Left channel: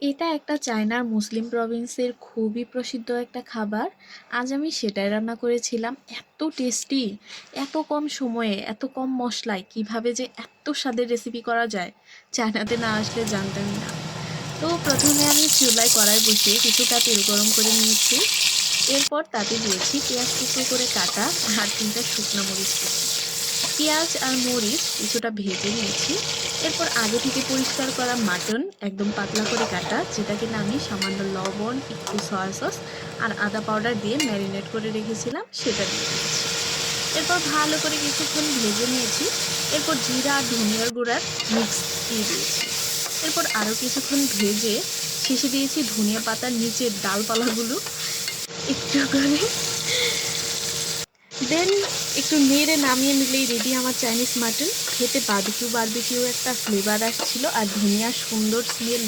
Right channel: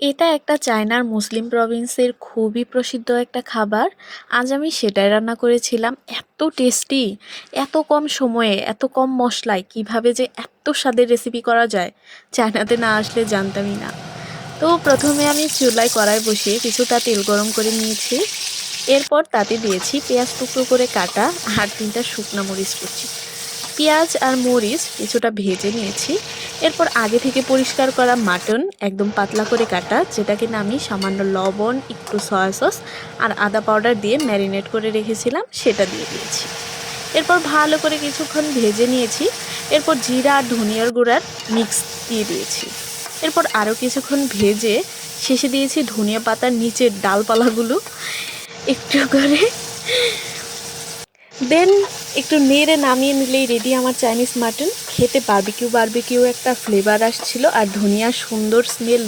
এটা একটা চায়নার মুসলিম প্রভিন্সের খুবই প্রসিদ্ধ একটা খাবার। আজ আমি সেটাই রান্না করেছিলাম। এত টেস্টি, এত কম সময়ে, এত কম মশলায় কিভাবে যে এত স্বাদের রেসিপি করা যায়, চায়নাতে না আসলে জানতামই না। তো প্রথমে আমি চুলায় কড়াই বসিয়ে কিছুটা তেল গরম করে নিয়েছি। এরপর তাতে দিয়েছি পেঁয়াজ টুকরো করে কাটা আর 3টা শুকনো মরিচ কুচি। পেঁয়াজ আর মরিচ কিছুটা ভেজে নিয়েছি। এরপর আগে থেকে পরিষ্কার করা মাটন একদম পাতলা করে কাটা, যেটাকে না আমি সামান্য লবণ, একটু সয়া সস আর আদা পাউডার দিয়ে ম্যারিনেট করে রেখেছিলাম, সেটা দিয়ে দিয়েছি। এরপর ভালো করে কিছুক্ষণ ভেজে নিয়েছি। এরপর জিরা আর ধনিয়ার গুঁড়ার মিক্স দিয়ে দিয়েছি। এরপর আরও কিছুক্ষণ ভেজে শেষে দিয়েছি ধনিয়া পাতার নিচের ডালপালাগুলো একটু করে। দেন একটু নেড়ে নামিয়ে নিলেই রেডি আমার চাইনিজ মাটন। খেতে বারবিকিউ বারবিকিউ একটা ফ্লেভার আসছিল আর ধনিয়ার সুন্দর স্মেল।